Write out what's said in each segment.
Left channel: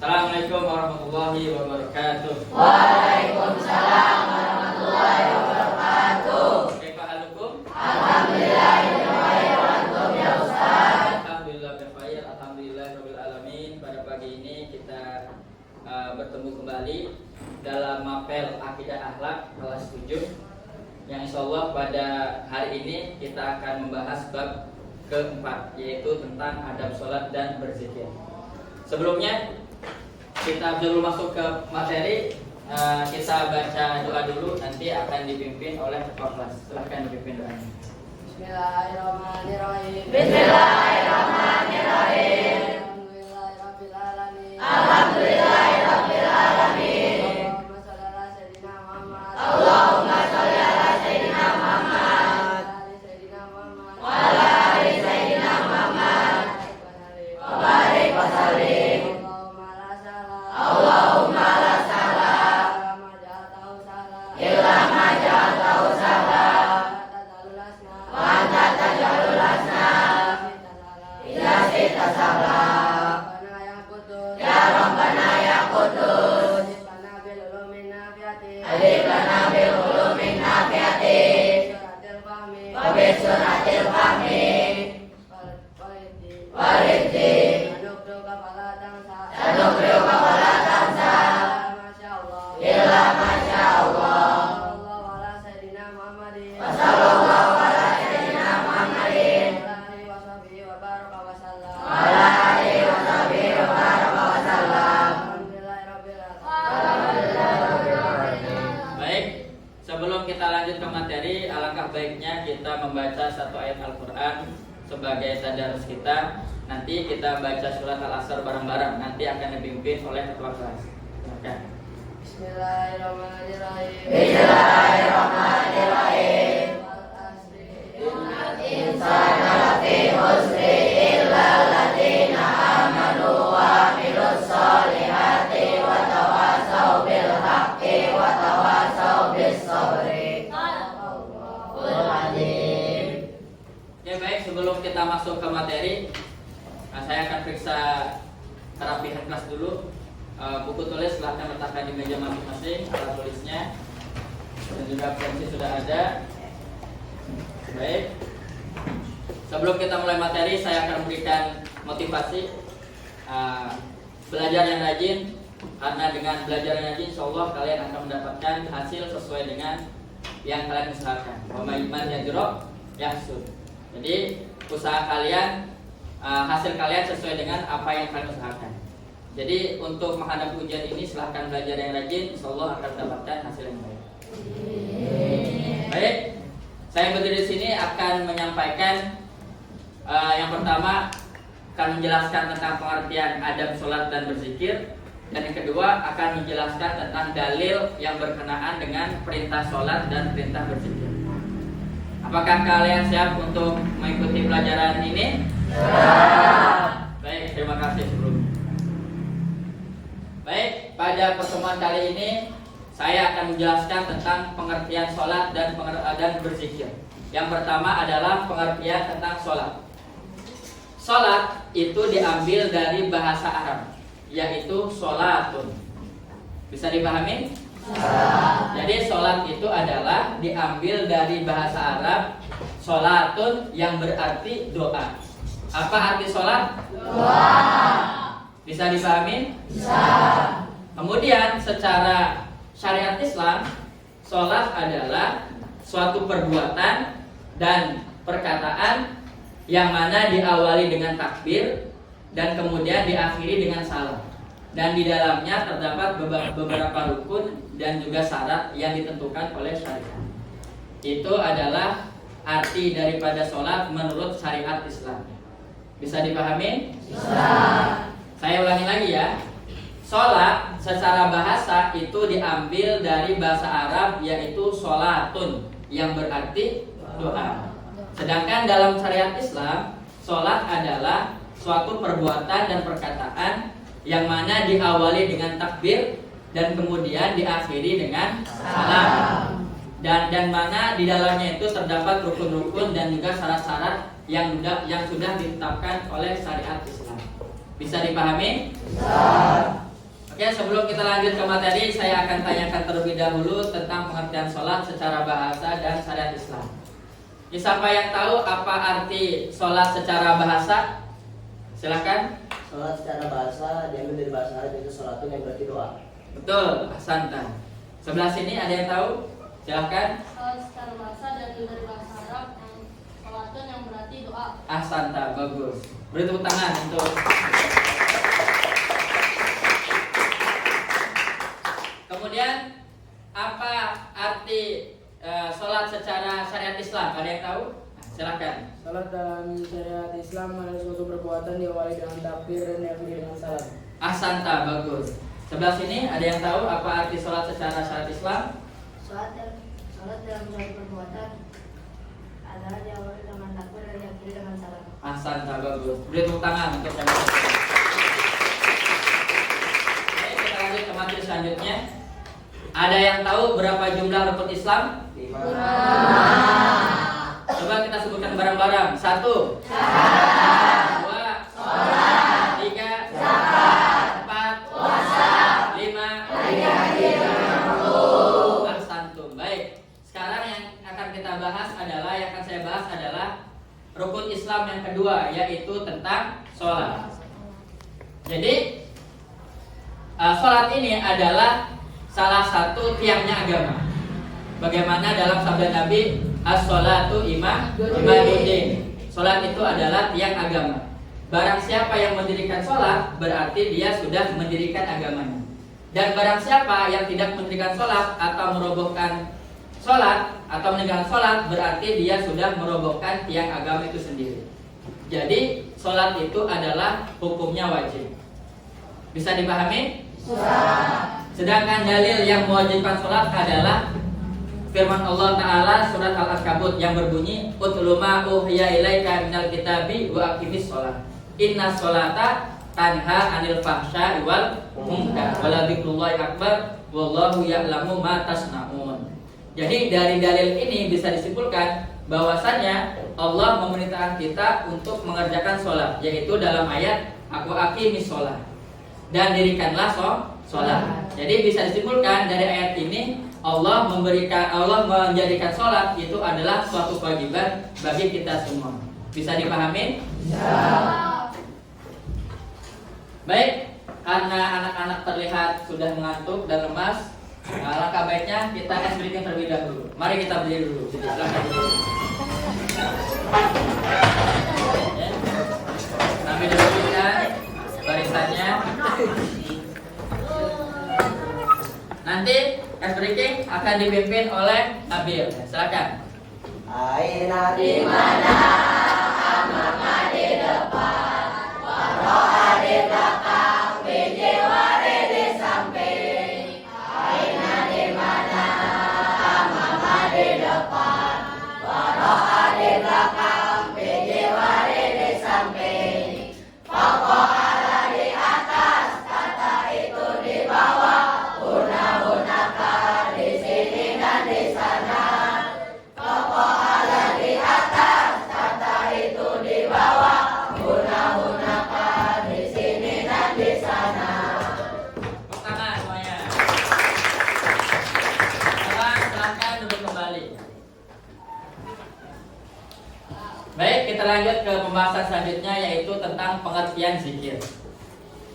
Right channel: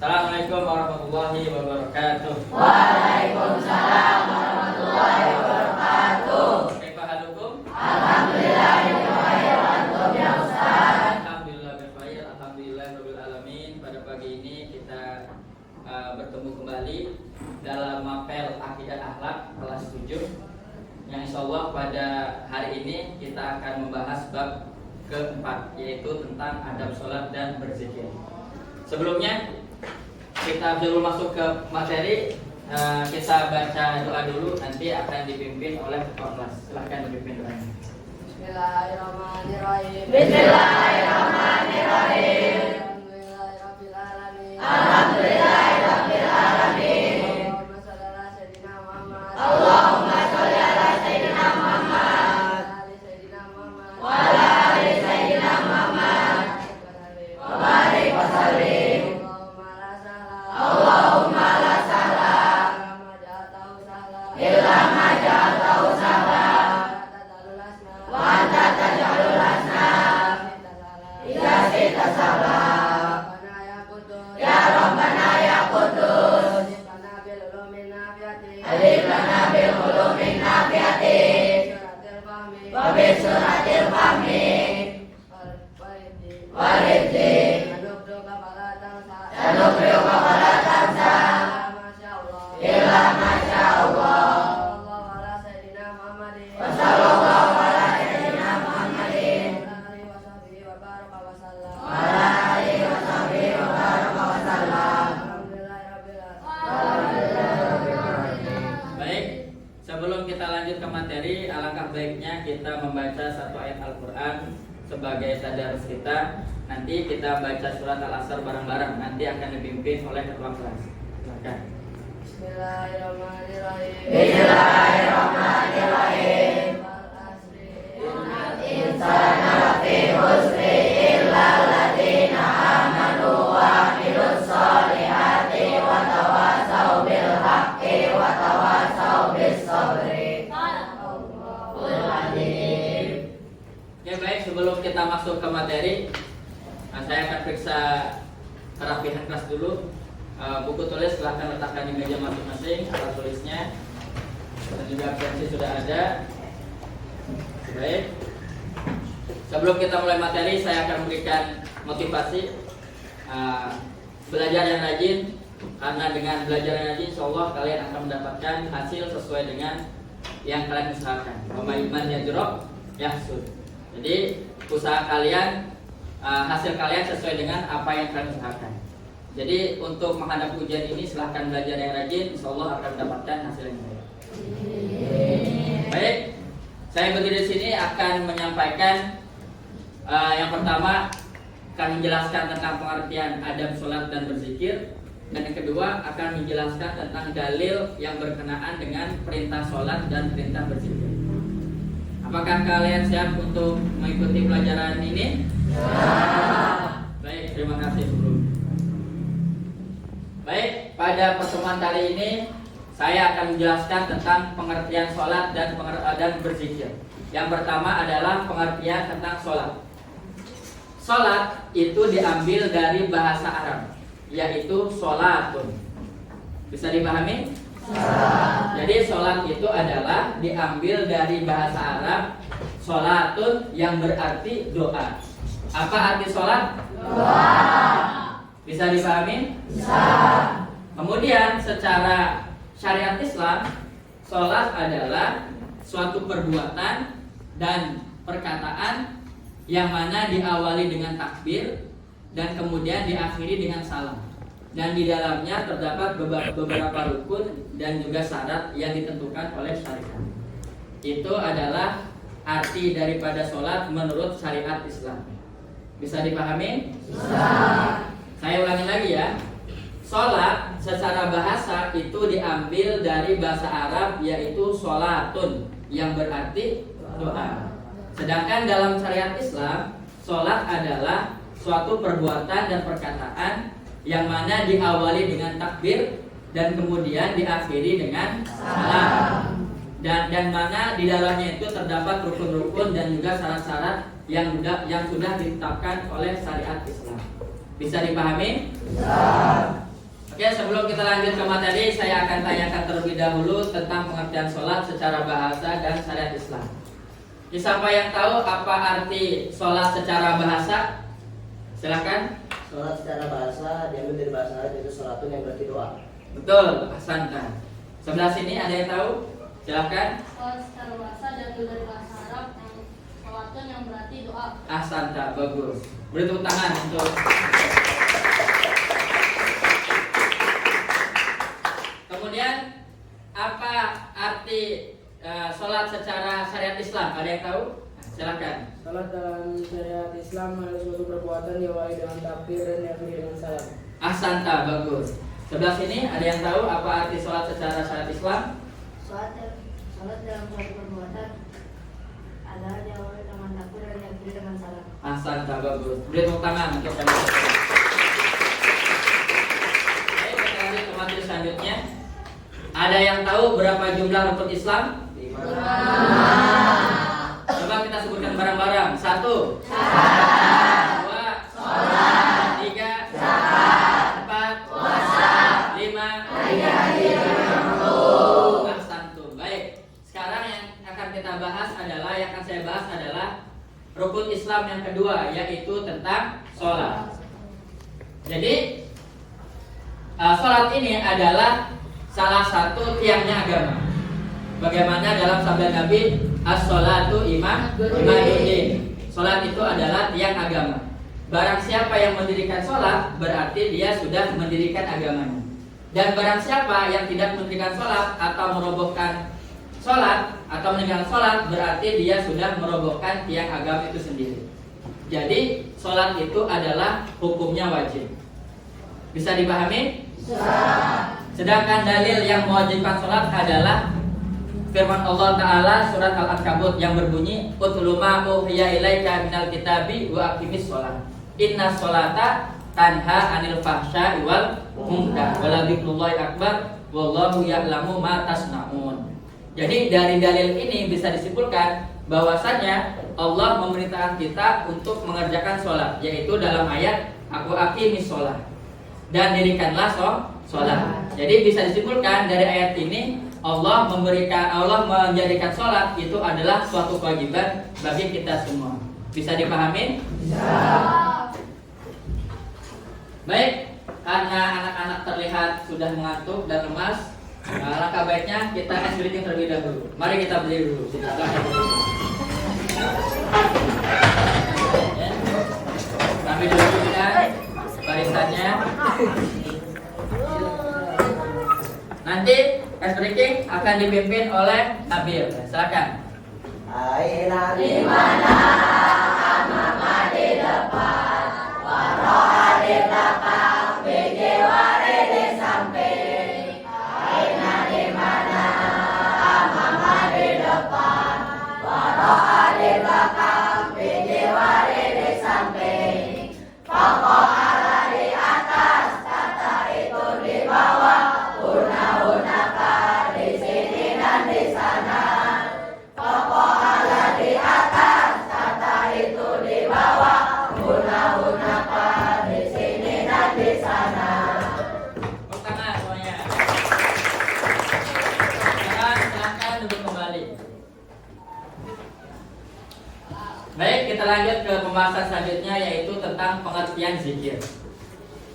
Assalamualaikum warahmatullahi wabarakatuh. Waalaikumsalam warahmatullahi wabarakatuh. Kaifa halukum? Alhamdulillah ya Ustaz. Alhamdulillah bikhair, alhamdulillah rabbil alamin. Pada pagi ini kita bertemu kembali dalam mapel Akidah Akhlak kelas 7 yang insyaallah pada hari ini kita akan membahas bab keempat, yaitu tentang adab sholat dan berzikir. Sebelumnya kita belum masuk ke materi, kita baca doa dulu, nanti akan dipimpin oleh ketua kelas. Silakan dipimpin doanya. Bismillahirrahmanirrahim. Bismillahirrahmanirrahim. Alhamdulillahirabbil alamin. Alhamdulillahirabbil alamin. Allahumma shalli ala sayyidina Muhammad. Allahumma shalli ala sayyidina Muhammad wa ala ali sayyidina Muhammad wa barik wa sallim. Allahumma la sahla illa ma ja'altahu sahla wa anta taj'alul hazna idza syi'ta sahla. Ya Rabbana ya Qudus, alifana bil ulumin nafiati wa bi suratil fahmi waridzi sanukriu wa la tansa illa ma sya Allah. Wa sallallahu ala sayyidina Muhammadin wa ala alihi wa sahbihi wa baraka wa sallam. Baik, sebelum kita lanjut ke materi, alangkah baiknya kita membaca satu ayat Al-Quran sebagai tadarus kita. Nanti kita baca surat Al-Asr bareng-bareng. Nanti akan dipimpin oleh ketua kelas. Silakan. Bismillahirrahmanirrahim. Bismillahirrahmanirrahim. Innal insana lafi khusri illa alladziina aamanu wa 'amilus sholihati wa tawassaw bil haqqi wa tawassaw bis sabri. Ya baik, sebelum kita masuk ke materi, saya akan periksa kerapihan kelas dulu. Buku tulis silahkan letakkan di meja masing-masing, alat tulisnya dan juga pensil sudah ada. Baik, sebelum kita mulai materi, saya akan memberikan motivasi belajar yang rajin, karena dengan belajar yang rajin insyaallah kalian akan mendapatkan hasil sesuai dengan yang kalian usahakan. Iman yajrab yahsud. Jadi usaha kalian, hasil kalian sesuai dengan apa yang kalian usahakan. Jadi untuk menghadapi ujian ini silahkan belajar yang rajin, insyaallah akan mendapatkan hasil yang baik. Baik, saya berdiri di sini akan menyampaikan yang pertama akan menjelaskan tentang pengertian adab sholat dan berzikir, dan yang kedua akan menjelaskan tentang dalil yang berkenaan dengan perintah sholat dan perintah berzikir. Apakah kalian siap untuk mengikuti pelajaran ini? Baik, terima kasih sebelumnya. Baik, pada pertemuan kali ini saya akan menjelaskan tentang pengertian sholat dan berzikir. Yang pertama adalah pengertian tentang sholat. Sholat itu diambil dari bahasa Arab, yaitu sholatun. Bisa dipahami? Jadi sholat itu adalah diambil dari bahasa Arab sholatun, yang berarti doa. Apa arti sholat? Doa. Bisa dipahami? Bisa. Kemudian secara syariat Islam, sholat adalah suatu perbuatan dan perkataan yang mana diawali dengan takbir dan kemudian diakhiri dengan salam. Dan di dalamnya terdapat beberapa rukun dan juga syarat yang ditentukan oleh syariat. Itu adalah arti daripada sholat menurut syariat Islam. Bisa dipahami? Bisa. Saya ulangi lagi ya. Sholat secara bahasa itu diambil dari bahasa Arab, yaitu sholatun, yang berarti doa. Sedangkan dalam syariat Islam, sholat adalah suatu perbuatan dan perkataan yang mana diawali dengan takbir dan kemudian diakhiri dengan salam. Dan mana di dalamnya itu terdapat rukun-rukun dan juga syarat-syarat yang sudah ditetapkan oleh syariat Islam. Bisa dipahami? Bisa. Oke, sebelum kita lanjut ke materi, saya akan tanyakan terlebih dahulu tentang pengertian sholat secara bahasa dan syariat Islam. Siapa yang tahu apa arti sholat secara bahasa? Silakan. Sholat secara bahasa diambil dari bahasa Arab itu sholatun yang berarti doa. Betul, ahsantan. Sebelah sini ada yang tahu? Silakan. Sholat secara bahasa diambil dari bahasa Arab yang sholatun yang berarti doa. Ahsanta, bagus. Beri tepuk tangan untuk. Kemudian apa arti sholat secara syariat Islam? Ada yang tahu? Silakan. Salat dalam syariat Islam adalah suatu perbuatan diawali dengan takbir dan diakhiri dengan salam. Ahsanta, bagus. Sebelah sini ada yang tahu apa arti sholat secara syariat Islam? Sholat dalam suatu perbuatan adalah diawali dengan takbir dan diakhiri dengan salam. Ahsanta, bagus. Beri tepuk tangan untuk kalian. Baik, kita lanjut ke materi selanjutnya. Ada yang tahu berapa jumlah rukun Islam? 5. Coba kita sebutkan bareng-bareng. 1, 2, 3, 4, 5, 10. Ahsantum. Baik. Sekarang yang akan kita bahas adalah, yang akan saya bahas adalah rukun Islam yang kedua, yaitu tentang sholat. Jadi sholat ini adalah salah satu tiangnya agama. Bagaimana dalam sabda Nabi, as-sholatu imaduddin. Sholat itu adalah tiang agama. Barang siapa yang mendirikan sholat, berarti dia sudah mendirikan agamanya. Dan barang siapa yang tidak mendirikan sholat atau merobohkan sholat atau meninggalkan sholat, berarti dia sudah merobohkan tiang agama itu sendiri. Jadi sholat itu adalah hukumnya wajib. Bisa dipahami? Sedangkan dalil yang mewajibkan sholat adalah firman Allah Ta'ala surat Al-Ankabut yang berbunyi, Utlu ma uhiya ilaika minal kitabi wa aqimis sholat. Inna sholata tanha anil fahsya'i wal munkar wala dzikrullahi akbar wallahu ya'lamu ma tasna'un. Jadi dari dalil ini bisa disimpulkan bahwasannya Allah memerintahkan kita untuk mengerjakan sholat, yaitu dalam ayat aku aqimis sholat dan dirikanlah sholat. Jadi bisa disimpulkan dari ayat ini Allah menjadikan sholat itu adalah suatu kewajiban bagi kita semua. Bisa dipahami? Bisa. Baik, karena anak-anak terlihat sudah mengantuk dan lemas, alangkah baiknya kita ice breaking terlebih dahulu. Mari kita berdiri dulu. Kami dudukkan barisannya. Nanti ice breaking akan dipimpin oleh Nabil. Silakan. Aina Di mana mama di depan, waroha di belakang, biji wari di samping. Aina di mana mama di depan, waroha di belakang, biji wari di samping. Pokok Allah di atas, kata itu di bawah. Guna-gunakan di sini dan di sana. Pokok Allah di atas, kata itu di bawah. Guna-gunakan di sini dan di sana. Tepuk tangan semuanya. Sekarang silahkan duduk kembali. Baik, kita lanjut ke pembahasan selanjutnya, yaitu tentang pengertian zikir.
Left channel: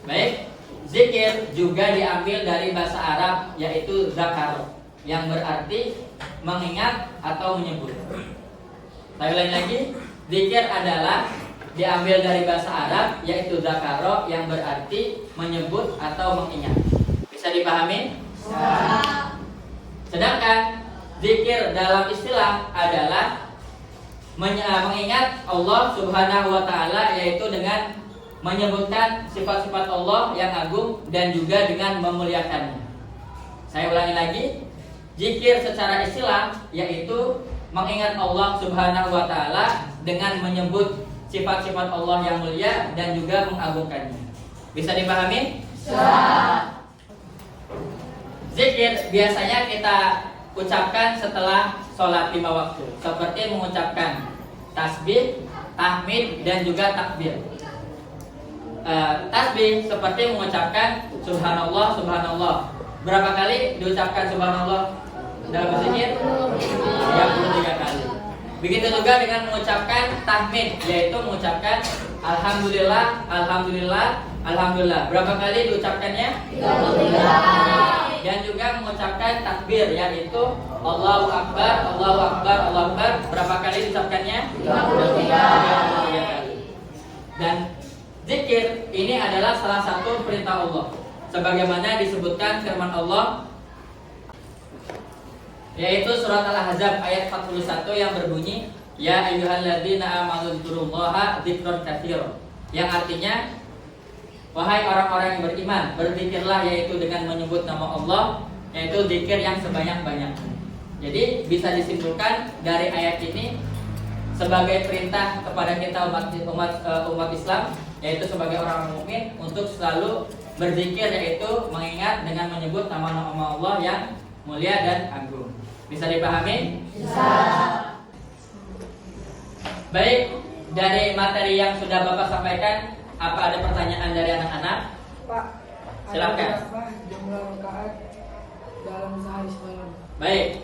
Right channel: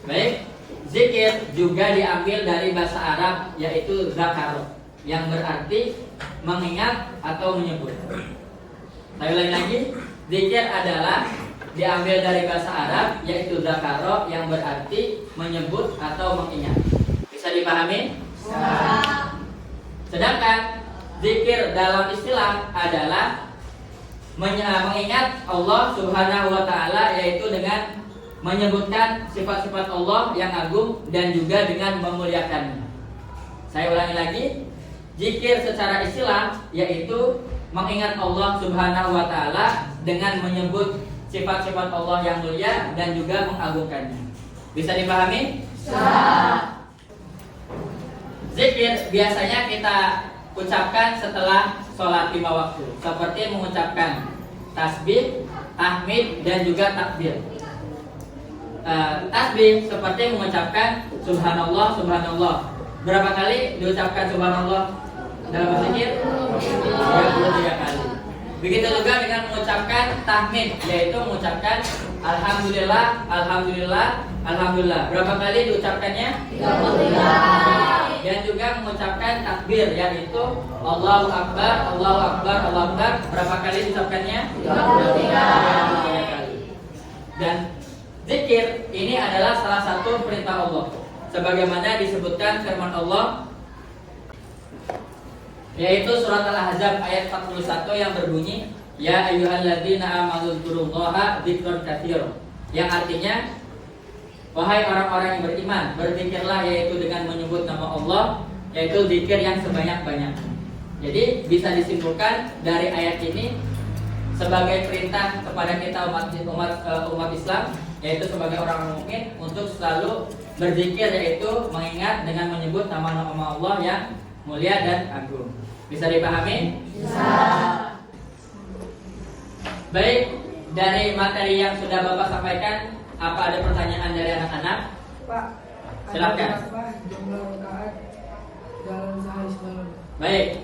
Baik, zikir juga diambil dari bahasa Arab, yaitu zakar, yang berarti mengingat atau menyebut. Saya ulangi lagi, zikir adalah diambil dari bahasa Arab, yaitu zakaro, yang berarti menyebut atau mengingat. Bisa dipahami? Sedangkan zikir dalam istilah adalah mengingat Allah Subhanahu wa Ta'ala, yaitu dengan menyebutkan sifat-sifat Allah yang agung dan juga dengan memuliakannya. Saya ulangi lagi, zikir secara istilah yaitu mengingat Allah Subhanahu wa Ta'ala dengan menyebut sifat-sifat Allah yang mulia dan juga mengagungkannya. Bisa dipahami? Bisa. Zikir biasanya kita ucapkan setelah sholat 5 waktu, seperti mengucapkan tasbih, tahmid, dan juga takbir. Tasbih seperti mengucapkan subhanallah, subhanallah. Berapa kali diucapkan subhanallah dalam berzikir? 33 kali. Begitu juga dengan mengucapkan tahmid, yaitu mengucapkan alhamdulillah, alhamdulillah, alhamdulillah. Berapa kali diucapkannya? 33. Dan juga mengucapkan takbir, yaitu Allahu Akbar, Allahu Akbar, Allahu Akbar. Berapa kali diucapkannya? 33 kali. Dan zikir ini adalah salah satu perintah Allah, sebagaimana disebutkan firman Allah, yaitu surat Al-Ahzab ayat 41 yang berbunyi, ya ayyuhalladzina amanu dzkurullaha dzikran katsiran, yang artinya wahai orang-orang yang beriman, berzikirlah, yaitu dengan menyebut nama Allah, yaitu zikir yang sebanyak-banyak. Jadi bisa disimpulkan dari ayat ini sebagai perintah kepada kita umat Islam, yaitu sebagai orang mukmin untuk selalu berzikir, yaitu mengingat dengan menyebut nama-nama Allah yang mulia dan agung. Bisa dipahami? Bisa. Baik, dari materi yang sudah Bapak sampaikan, apa ada pertanyaan dari anak-anak? Pak, silakan. Jumlah rakaat dalam sehari semalam. Baik.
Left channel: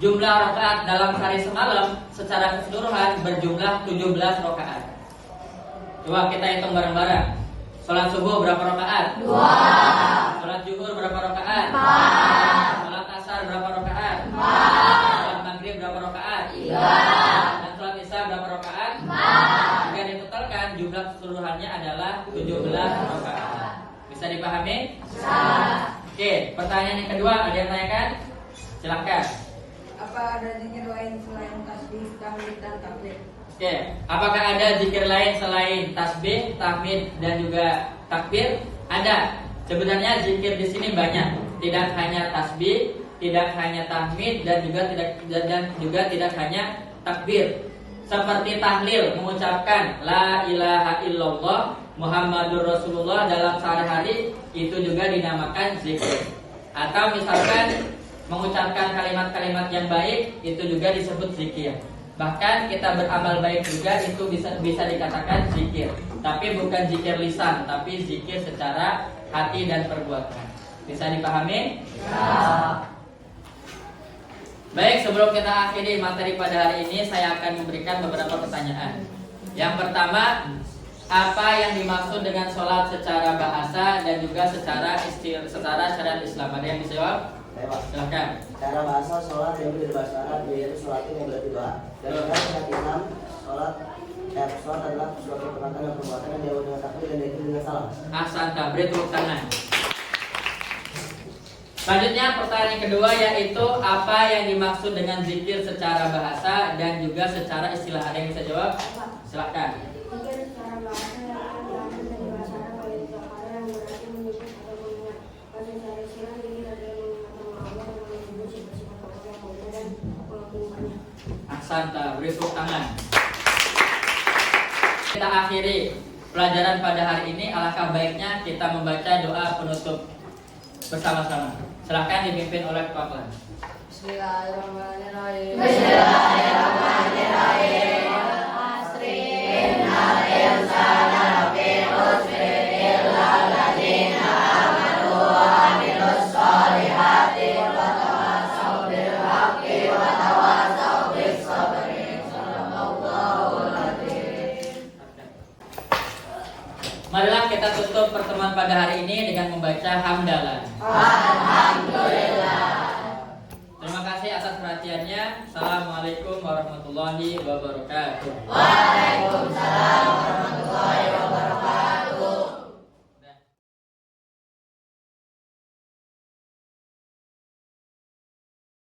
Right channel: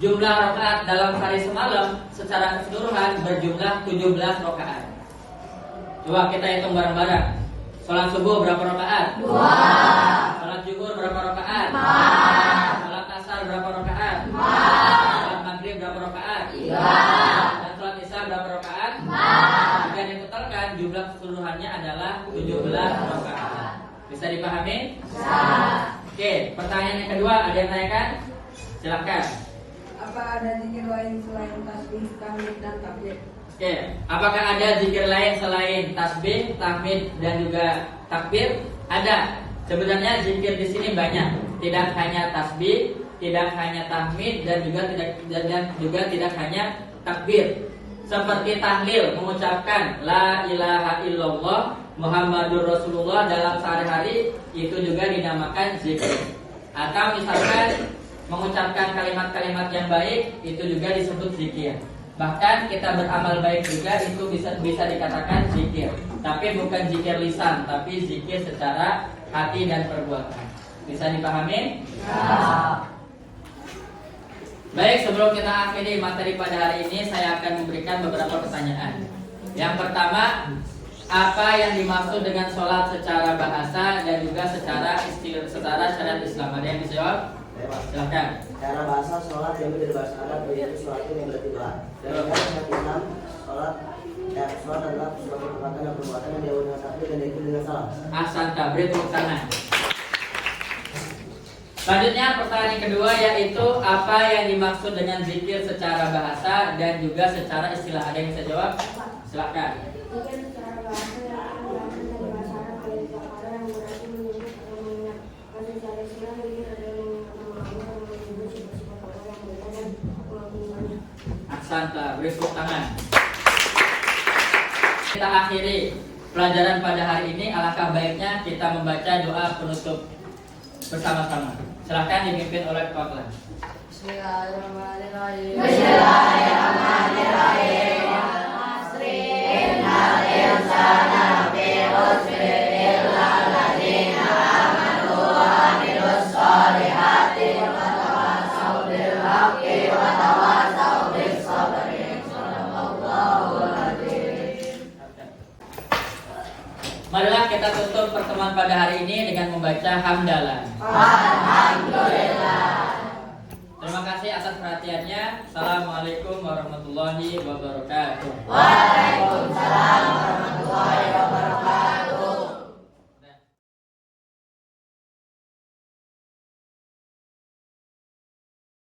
Jumlah rakaat dalam hari semalam secara keseluruhan berjumlah 17 rakaat. Coba kita hitung bareng-bareng. Salat subuh berapa rakaat? 2. Salat zuhur berapa rakaat? 4. Salat asar berapa rakaat? 4. Salat maghrib berapa rakaat? 3. Dan salat isya berapa rakaat? 4. Jika ditotalkan jumlah keseluruhannya adalah 17 rakaat. Bisa dipahami? Bisa. Oke, pertanyaan yang kedua ada yang tanyakan? Silakan. Apa ada zikir lain selain tasbih, tahmid, dan takbir? Oke, apakah ada zikir lain selain tasbih, tahmid, dan juga takbir? Ada. Sebenarnya zikir di sini banyak. Tidak hanya tasbih, tidak hanya tahmid, dan juga tidak hanya takbir. Seperti tahlil, mengucapkan la ilaha illallah Muhammadur Rasulullah dalam sehari-hari, itu juga dinamakan zikir. Atau misalkan mengucapkan kalimat-kalimat yang baik, itu juga disebut zikir. Bahkan kita beramal baik juga itu bisa dikatakan zikir. Tapi bukan zikir lisan, tapi zikir secara hati dan perbuatan. Bisa dipahami? Ya. Baik, sebelum kita akhiri materi pada hari ini, saya akan memberikan beberapa pertanyaan. Yang pertama, apa yang dimaksud dengan sholat secara bahasa dan juga secara syariat Islam? Ada yang bisa jawab? Silakan. Cara bahasa sholat yang dari bahasa Arab yaitu sholat yang berarti bah. Dan syariat Islam sholat adalah suatu perkataan dan perbuatan yang diawali dengan takbir dan diikuti dengan salam. Ahsanta, beri tepuk tangan. Selanjutnya pertanyaan yang kedua, yaitu apa yang dimaksud dengan zikir secara bahasa dan juga secara istilah? Ada yang bisa jawab? Silakan. Zikir secara bahasa yang akan berasal dari bahasa Arab yang berarti menyebut atau mengingat. Dan secara istilah zikir adalah mengingat nama Allah dan menyebut sifat-sifat Allah yang mulia dan mengagunkannya. Ahsanta, beri tepuk tangan. Kita akhiri pelajaran pada hari ini. Alangkah baiknya kita membaca doa penutup bersama-sama. Silahkan dipimpin oleh Kepala Kelas. Bismillahirrahmanirrahim. Bismillahirrahmanirrahim. Asri innal insana lafi khusr illa alladziina aamanu wa 'amilus shalihati wa tawassaw bil haqqi wa tawassaw bis sabri. Shallallahul adzim. Marilah kita tutup pertemuan pada hari ini dengan membaca hamdalah. Alhamdulillah. Terima kasih atas perhatiannya. Assalamualaikum warahmatullahi wabarakatuh. Waalaikumsalam warahmatullahi wabarakatuh.